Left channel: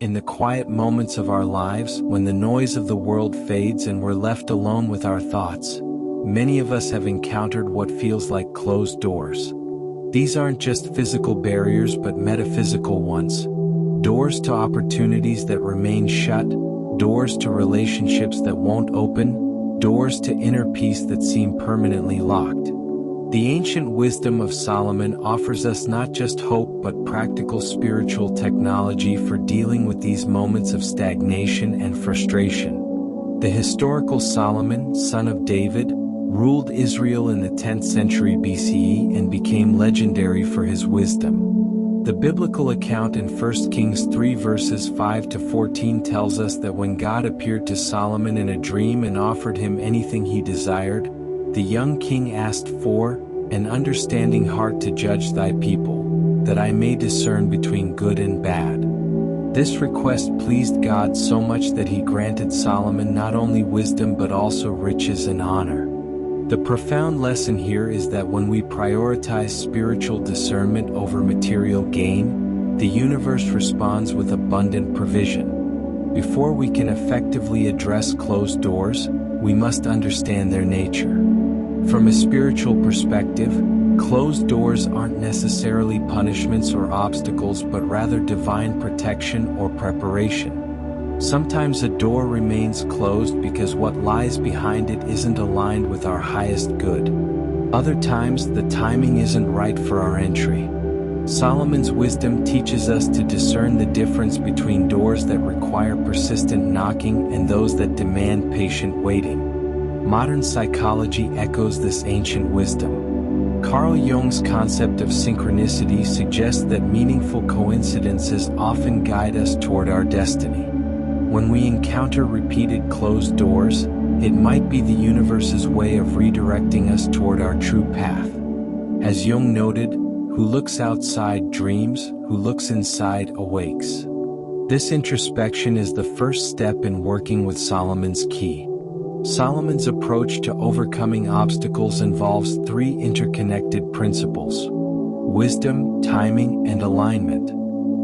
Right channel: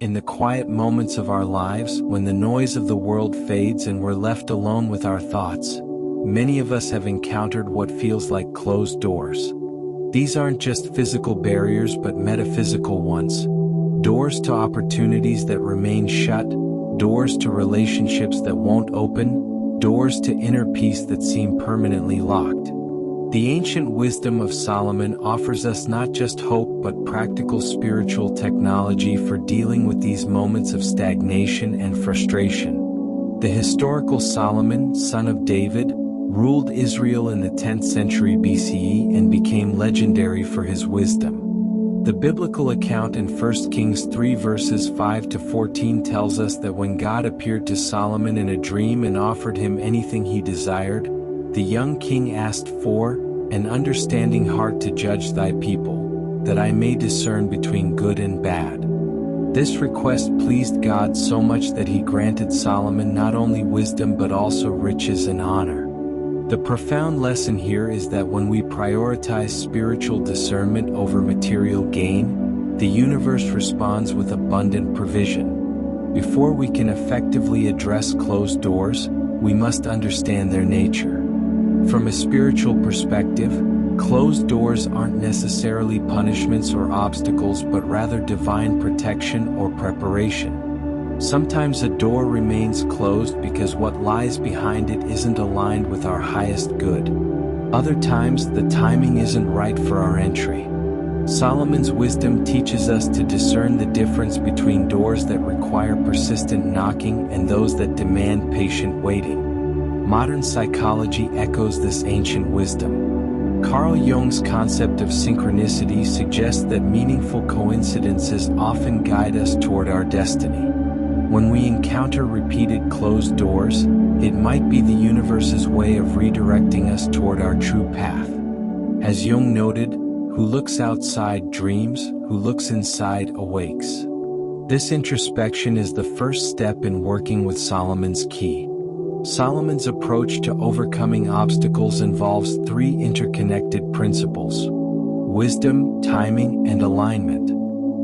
In the quiet moments of our lives, when the noise of the world fades and we're left alone with our thoughts, many of us have encountered what feels like closed doors. These aren't just physical barriers but metaphysical ones. Doors to opportunities that remain shut, doors to relationships that won't open, doors to inner peace that seem permanently locked. The ancient wisdom of Solomon offers us not just hope but practical spiritual technology for dealing with these moments of stagnation and frustration. The historical Solomon, son of David, ruled Israel in the 10th century BCE and became legendary for his wisdom. The biblical account in 1 Kings 3 verses 5 to 14 tells us that when God appeared to Solomon in a dream and offered him anything he desired, the young king asked for an understanding heart to judge thy people, that I may discern between good and bad. This request pleased God so much that he granted Solomon not only wisdom but also riches and honor. The profound lesson here is that when we prioritize spiritual discernment over material gain, the universe responds with abundant provision. Before we can effectively address closed doors, we must understand their nature. From a spiritual perspective, closed doors aren't necessarily punishments or obstacles but rather divine protection or preparation. Sometimes a door remains closed because what lies behind it isn't aligned with our highest good. Other times the timing isn't right for our entry. Solomon's wisdom teaches us to discern the difference between doors that require persistent knocking and those that demand patient waiting. Modern psychology echoes this ancient wisdom. Carl Jung's concept of synchronicity suggests that meaningful coincidences often guide us toward our destiny. When we encounter repeated closed doors, it might be the universe's way of redirecting us toward our true path. As Jung noted, who looks outside dreams, who looks inside awakes. This introspection is the first step in working with Solomon's key. Solomon's approach to overcoming obstacles involves three interconnected principles: wisdom, timing, and alignment.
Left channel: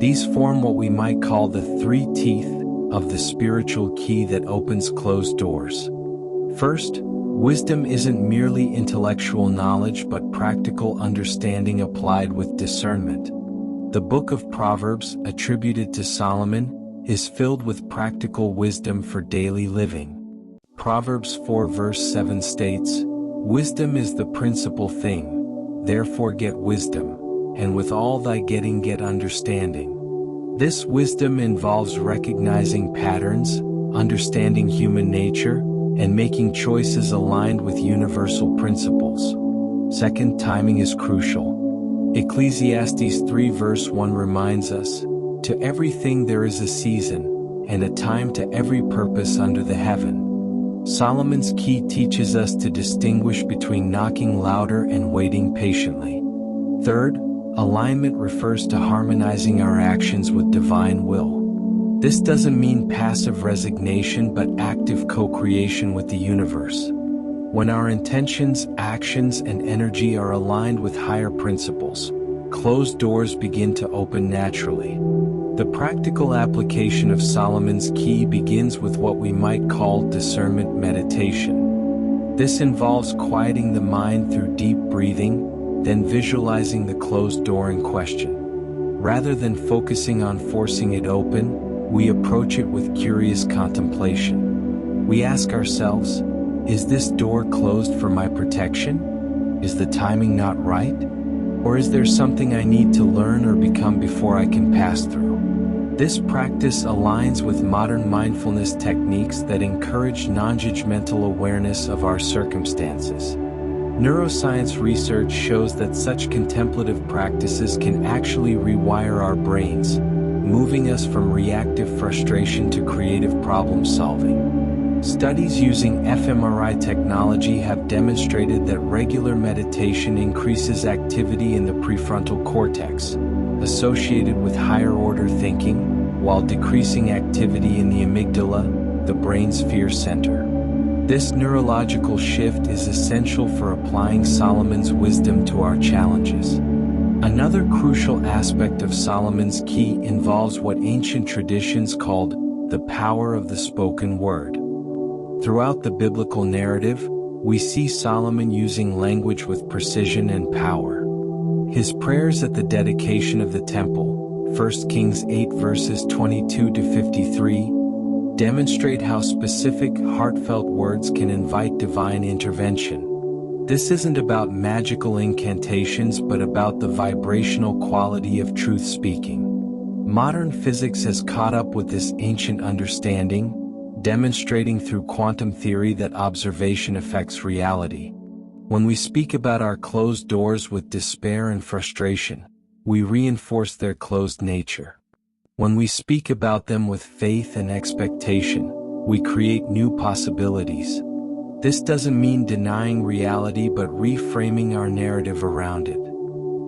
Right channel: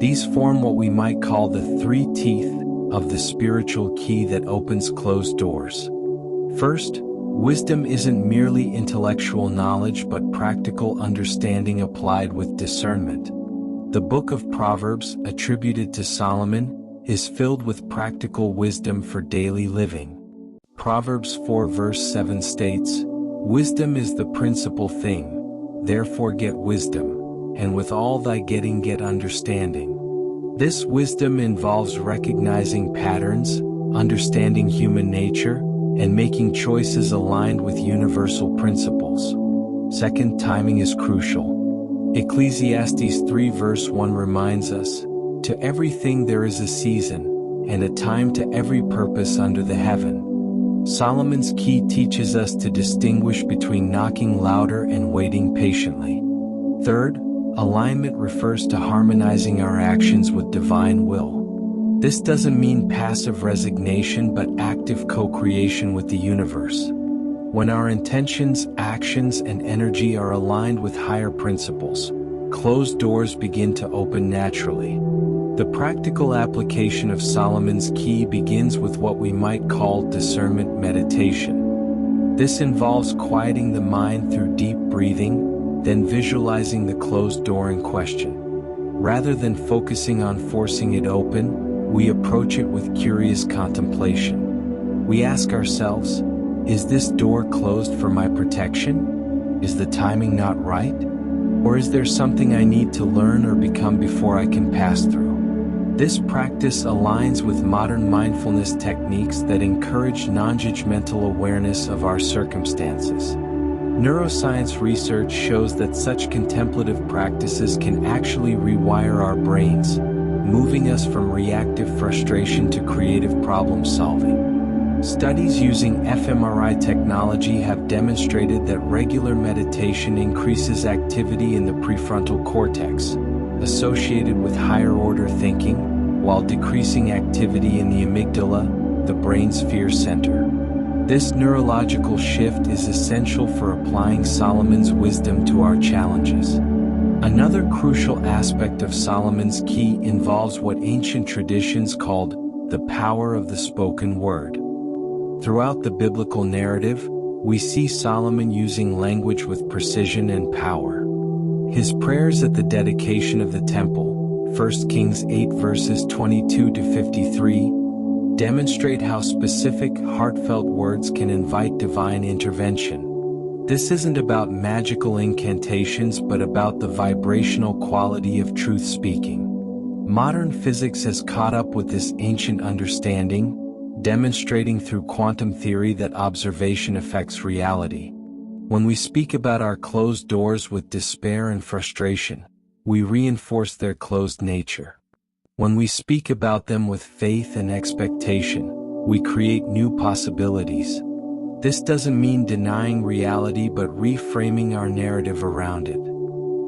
These form what we might call the three teeth of the spiritual key that opens closed doors. First, wisdom isn't merely intellectual knowledge but practical understanding applied with discernment. The book of Proverbs, attributed to Solomon, is filled with practical wisdom for daily living. Proverbs 4 verse 7 states, "Wisdom is the principal thing, therefore get wisdom, and with all thy getting get understanding." This wisdom involves recognizing patterns, understanding human nature, and making choices aligned with universal principles. Second, timing is crucial. Ecclesiastes 3 verse 1 reminds us, "To everything there is a season, and a time to every purpose under the heaven." Solomon's key teaches us to distinguish between knocking louder and waiting patiently. Third, alignment refers to harmonizing our actions with divine will. This doesn't mean passive resignation but active co-creation with the universe. When our intentions, actions, and energy are aligned with higher principles, closed doors begin to open naturally. The practical application of Solomon's key begins with what we might call discernment meditation. This involves quieting the mind through deep breathing, then visualizing the closed door in question. Rather than focusing on forcing it open, we approach it with curious contemplation. We ask ourselves, is this door closed for my protection? Is the timing not right? Or is there something I need to learn or become before I can pass through? This practice aligns with modern mindfulness techniques that encourage non-judgmental awareness of our circumstances. Neuroscience research shows that such contemplative practices can actually rewire our brains, moving us from reactive frustration to creative problem solving. Studies using fMRI technology have demonstrated that regular meditation increases activity in the prefrontal cortex, associated with higher-order thinking, while decreasing activity in the amygdala, the brain's fear center. This neurological shift is essential for applying Solomon's wisdom to our challenges. Another crucial aspect of Solomon's key involves what ancient traditions called the power of the spoken word. Throughout the biblical narrative, we see Solomon using language with precision and power. His prayers at the dedication of the temple, 1 Kings 8 verses 22 to 53, demonstrate how specific, heartfelt words can invite divine intervention. This isn't about magical incantations but about the vibrational quality of truth speaking. Modern physics has caught up with this ancient understanding, demonstrating through quantum theory that observation affects reality. When we speak about our closed doors with despair and frustration, we reinforce their closed nature. When we speak about them with faith and expectation, we create new possibilities. This doesn't mean denying reality but reframing our narrative around it.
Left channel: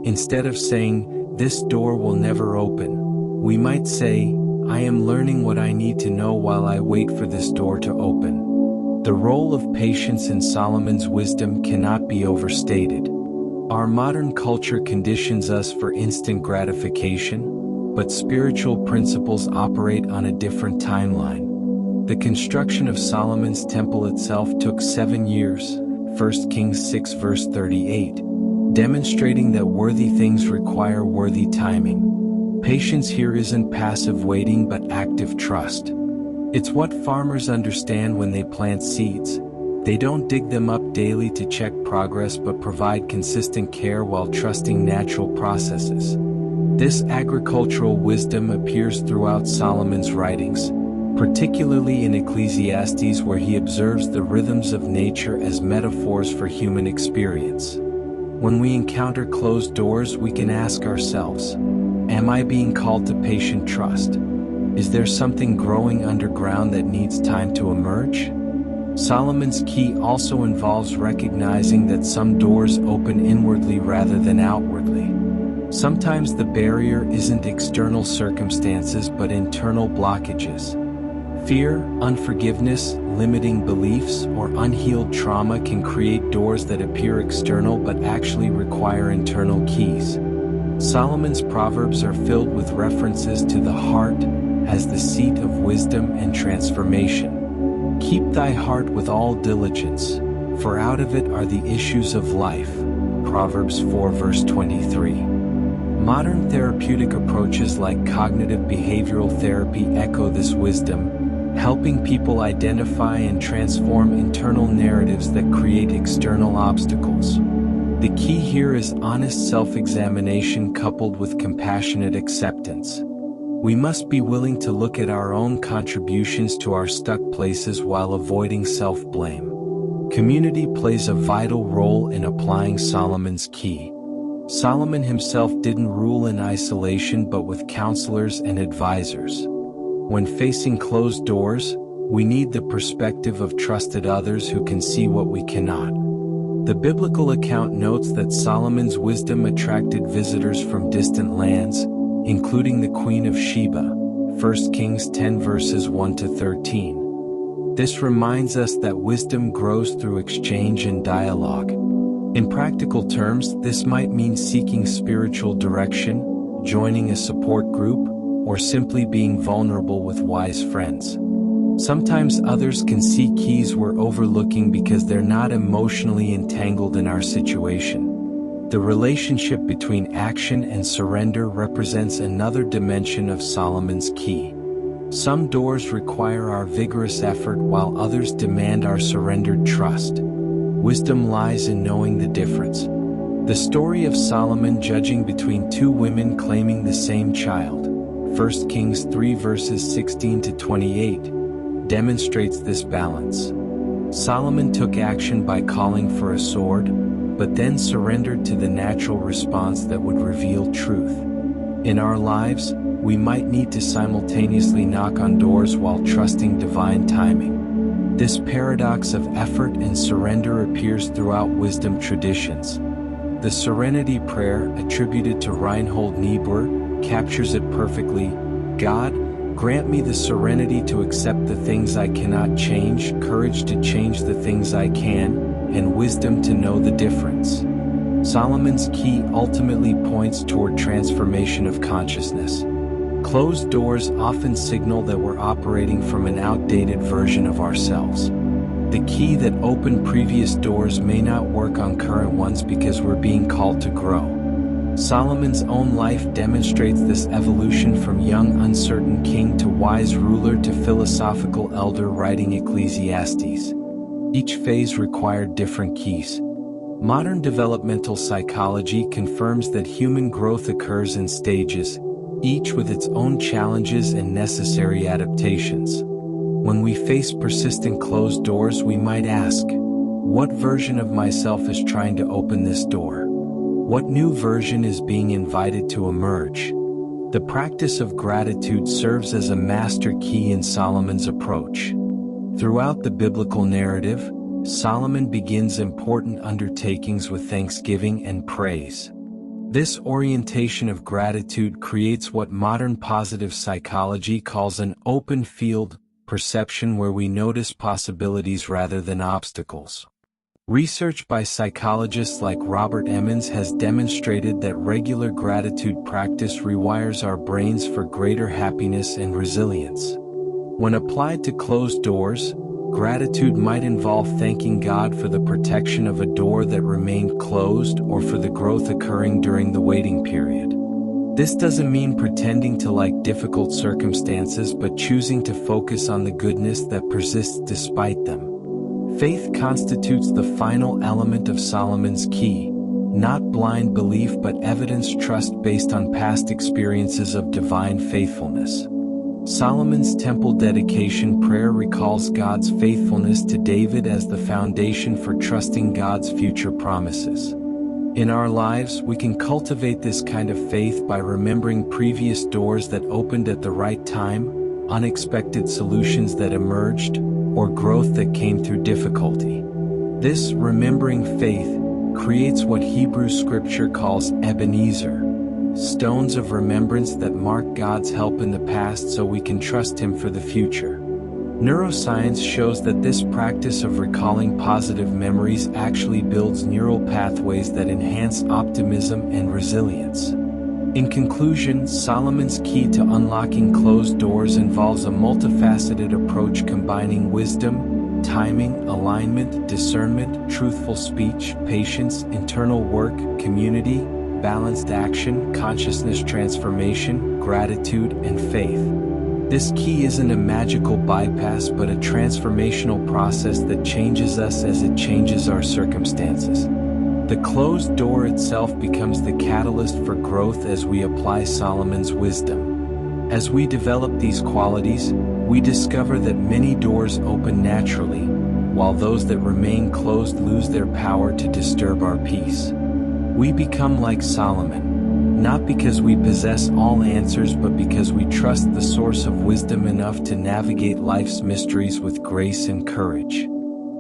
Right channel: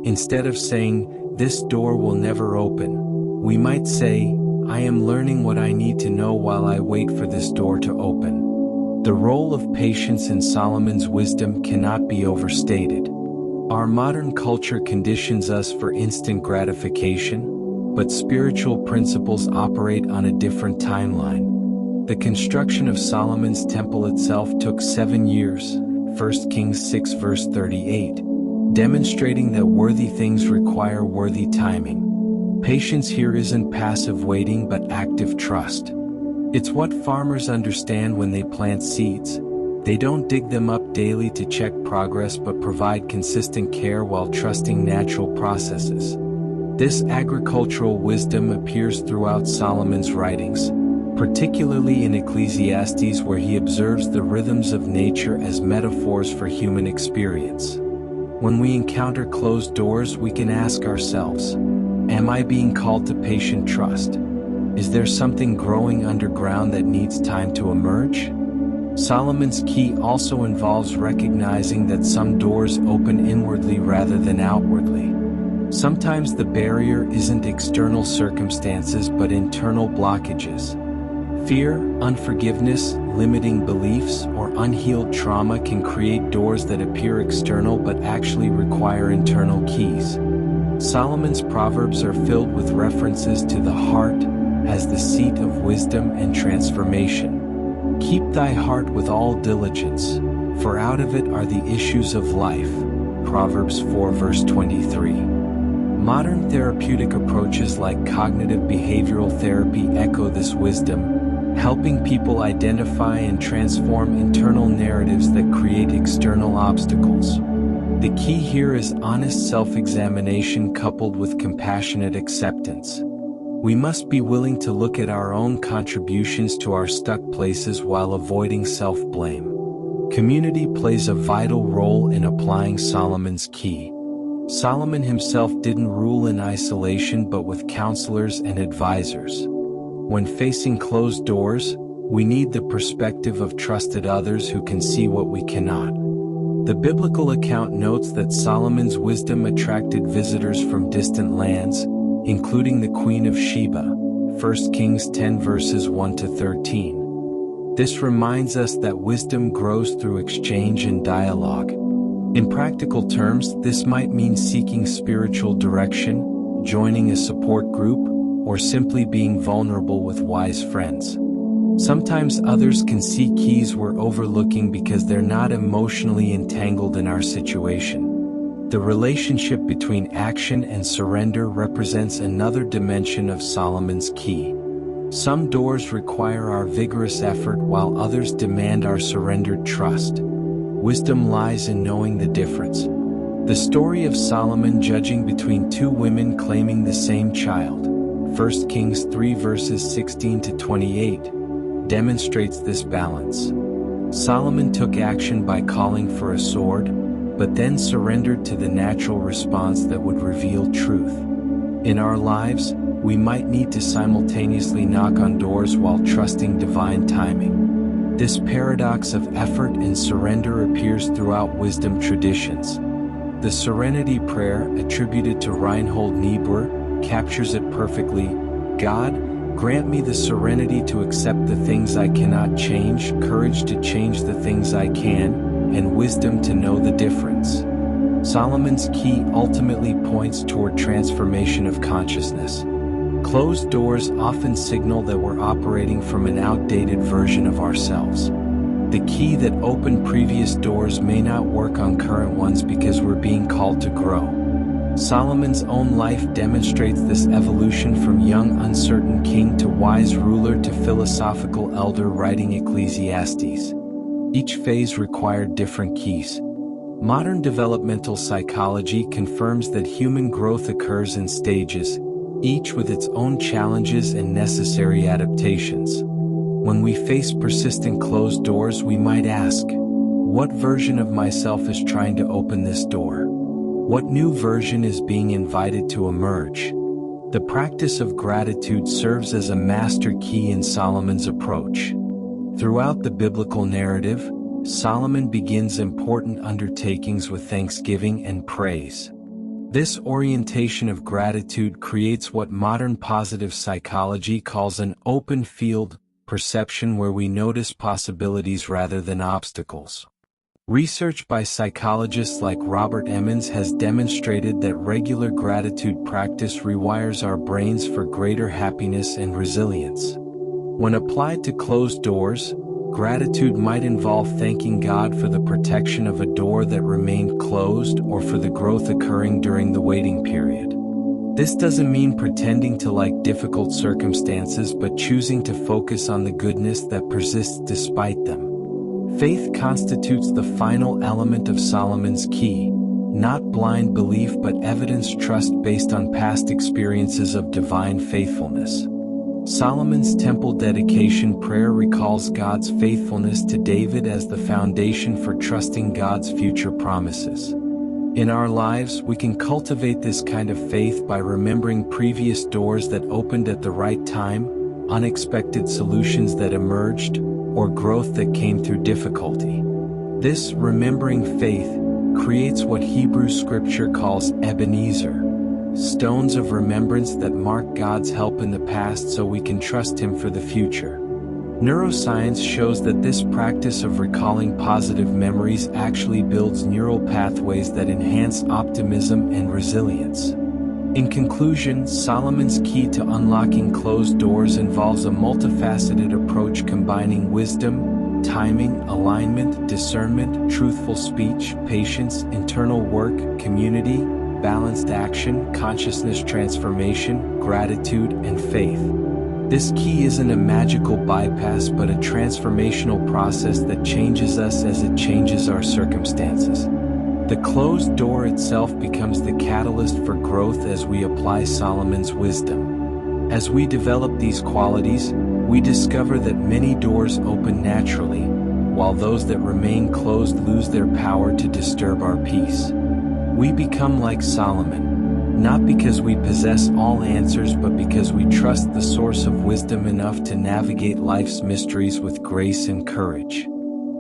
Instead of saying, "This door will never open," we might say, "I am learning what I need to know while I wait for this door to open." The role of patience in Solomon's wisdom cannot be overstated. Our modern culture conditions us for instant gratification, but spiritual principles operate on a different timeline. The construction of Solomon's temple itself took 7 years, 1 Kings 6 verse 38, demonstrating that worthy things require worthy timing. Patience here isn't passive waiting but active trust. It's what farmers understand when they plant seeds. They don't dig them up daily to check progress but provide consistent care while trusting natural processes. This agricultural wisdom appears throughout Solomon's writings, particularly in Ecclesiastes where he observes the rhythms of nature as metaphors for human experience. When we encounter closed doors, we can ask ourselves, am I being called to patient trust? Is there something growing underground that needs time to emerge? Solomon's key also involves recognizing that some doors open inwardly rather than outwardly. Sometimes the barrier isn't external circumstances but internal blockages. Fear, unforgiveness, limiting beliefs, or unhealed trauma can create doors that appear external but actually require internal keys. Solomon's Proverbs are filled with references to the heart as the seat of wisdom and transformation. Keep thy heart with all diligence, for out of it are the issues of life. Proverbs 4 verse 23. Modern therapeutic approaches like cognitive behavioral therapy echo this wisdom, helping people identify and transform internal narratives that create external obstacles. The key here is honest self-examination coupled with compassionate acceptance. We must be willing to look at our own contributions to our stuck places while avoiding self-blame. Community plays a vital role in applying Solomon's key. Solomon himself didn't rule in isolation but with counselors and advisors. When facing closed doors, we need the perspective of trusted others who can see what we cannot. The biblical account notes that Solomon's wisdom attracted visitors from distant lands, including the Queen of Sheba, 1 Kings 10 verses 1 to 13. This reminds us that wisdom grows through exchange and dialogue. In practical terms, this might mean seeking spiritual direction, joining a support group, or simply being vulnerable with wise friends. Sometimes others can see keys we're overlooking because they're not emotionally entangled in our situation. The relationship between action and surrender represents another dimension of Solomon's key. Some doors require our vigorous effort while others demand our surrendered trust. Wisdom lies in knowing the difference. The story of Solomon judging between two women claiming the same child, 1 Kings 3 verses 16 to 28, demonstrates this balance. Solomon took action by calling for a sword, but then surrendered to the natural response that would reveal truth. In our lives, we might need to simultaneously knock on doors while trusting divine timing. This paradox of effort and surrender appears throughout wisdom traditions. The Serenity Prayer, attributed to Reinhold Niebuhr, captures it perfectly. God, grant me the serenity to accept the things I cannot change, courage to change the things I can, and wisdom to know the difference. Solomon's key ultimately points toward transformation of consciousness. Closed doors often signal that we're operating from an outdated version of ourselves. The key that opened previous doors may not work on current ones because we're being called to grow. Solomon's own life demonstrates this evolution from young uncertain king to wise ruler to philosophical elder writing Ecclesiastes. Each phase required different keys. Modern developmental psychology confirms that human growth occurs in stages, each with its own challenges and necessary adaptations. When we face persistent closed doors, we might ask, what version of myself is trying to open this door? What new version is being invited to emerge? The practice of gratitude serves as a master key in Solomon's approach. Throughout the biblical narrative, Solomon begins important undertakings with thanksgiving and praise. This orientation of gratitude creates what modern positive psychology calls an open field perception, where we notice possibilities rather than obstacles. Research by psychologists like Robert Emmons has demonstrated that regular gratitude practice rewires our brains for greater happiness and resilience. When applied to closed doors, gratitude might involve thanking God for the protection of a door that remained closed or for the growth occurring during the waiting period. This doesn't mean pretending to like difficult circumstances, but choosing to focus on the goodness that persists despite them. Faith constitutes the final element of Solomon's key, not blind belief but evidenced trust based on past experiences of divine faithfulness. Solomon's temple dedication prayer recalls God's faithfulness to David as the foundation for trusting God's future promises. In our lives, we can cultivate this kind of faith by remembering previous doors that opened at the right time, unexpected solutions that emerged, or growth that came through difficulty. This remembering faith creates what Hebrew scripture calls Ebenezer, stones of remembrance that mark God's help in the past so we can trust Him for the future. Neuroscience shows that this practice of recalling positive memories actually builds neural pathways that enhance optimism and resilience. In conclusion, Solomon's key to unlocking closed doors involves a multifaceted approach combining wisdom, timing, alignment, discernment, truthful speech, patience, internal work, community, balanced action, consciousness transformation, gratitude, and faith. This key isn't a magical bypass but a transformational process that changes us as it changes our circumstances. The closed door itself becomes the catalyst for growth as we apply Solomon's wisdom. As we develop these qualities, we discover that many doors open naturally, while those that remain closed lose their power to disturb our peace. We become like Solomon, not because we possess all answers but because we trust the source of wisdom enough to navigate life's mysteries with grace and courage.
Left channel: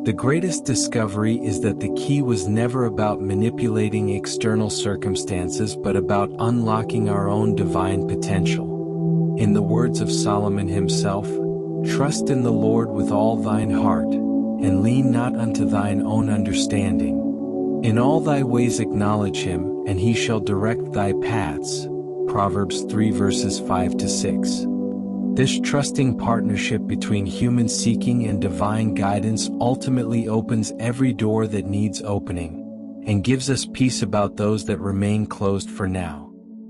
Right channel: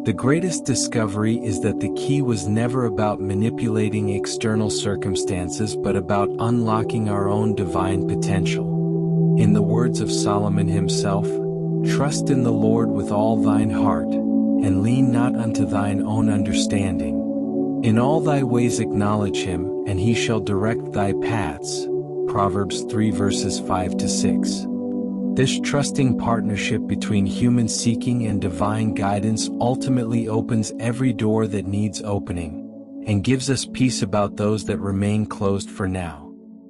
The greatest discovery is that the key was never about manipulating external circumstances but about unlocking our own divine potential. In the words of Solomon himself, "Trust in the Lord with all thine heart, and lean not unto thine own understanding. In all thy ways acknowledge him, and he shall direct thy paths." Proverbs 3 verses 5 to 6. This trusting partnership between human seeking and divine guidance ultimately opens every door that needs opening, and gives us peace about those that remain closed for now.